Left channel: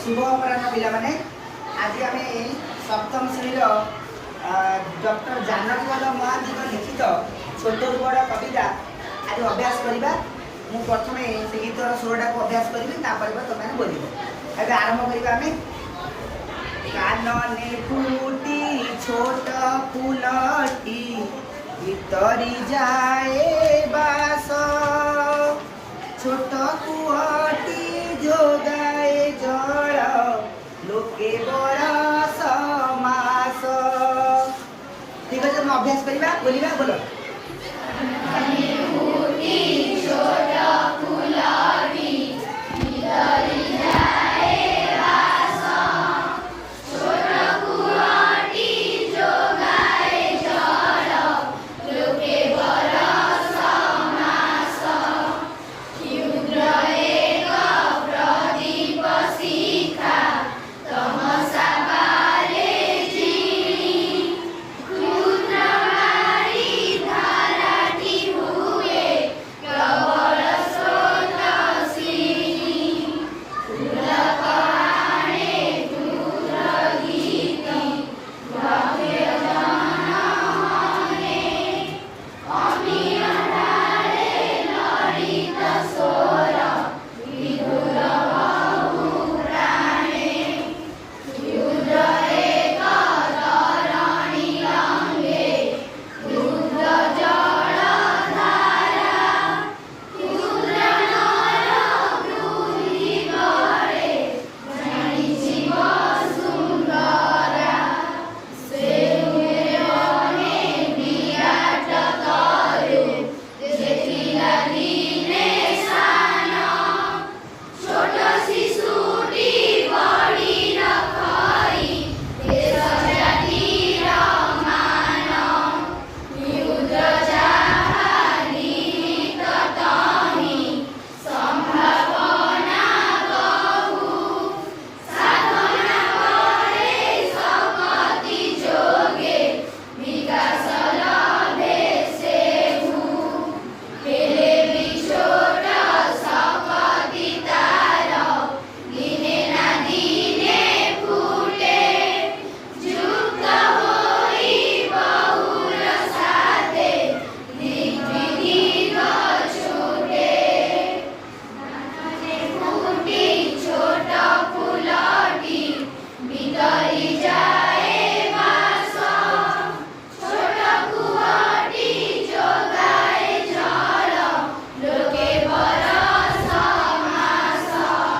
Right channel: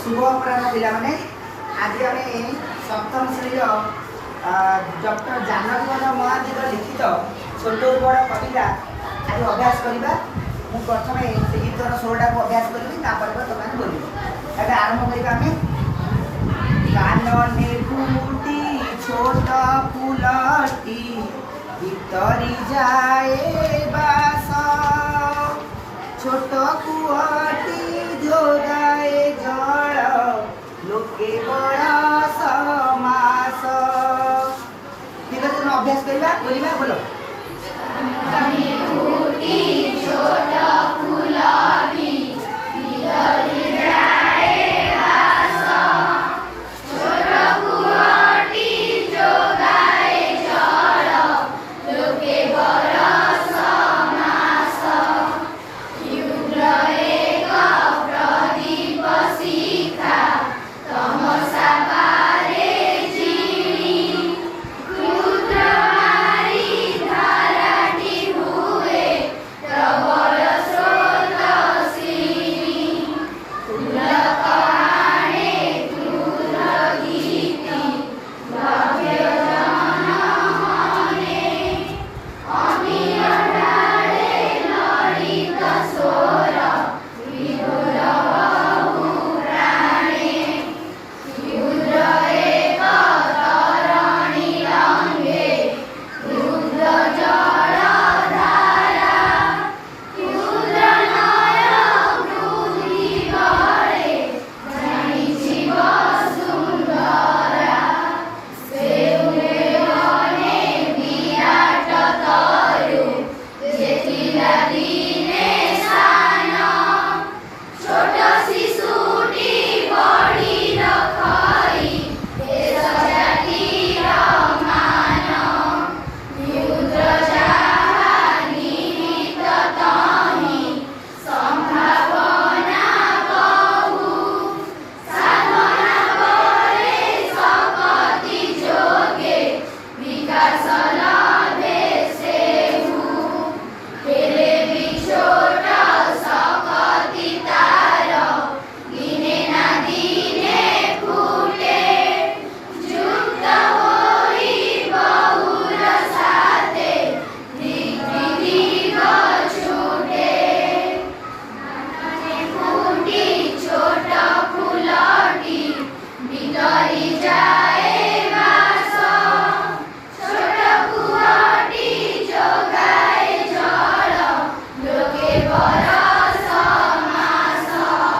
शुभ अपराह पिलाने आज आम सप्तम श्रेणी डॉक्टर जानकी महांती लिखित छोट बड़ कविता आज अभ्यास करवा। मुझे प्रथम से गीतर स्वरटा को अभ्यास करी तुम बोल ए आरंभ करें। कानने फूटी छोट फूलटी भीतरी जाए बास छोट कुआटी जोगाए जल लोके बड़ा समास। ठीक है, तुम अभ्यास करवा बोलिबा बोलो।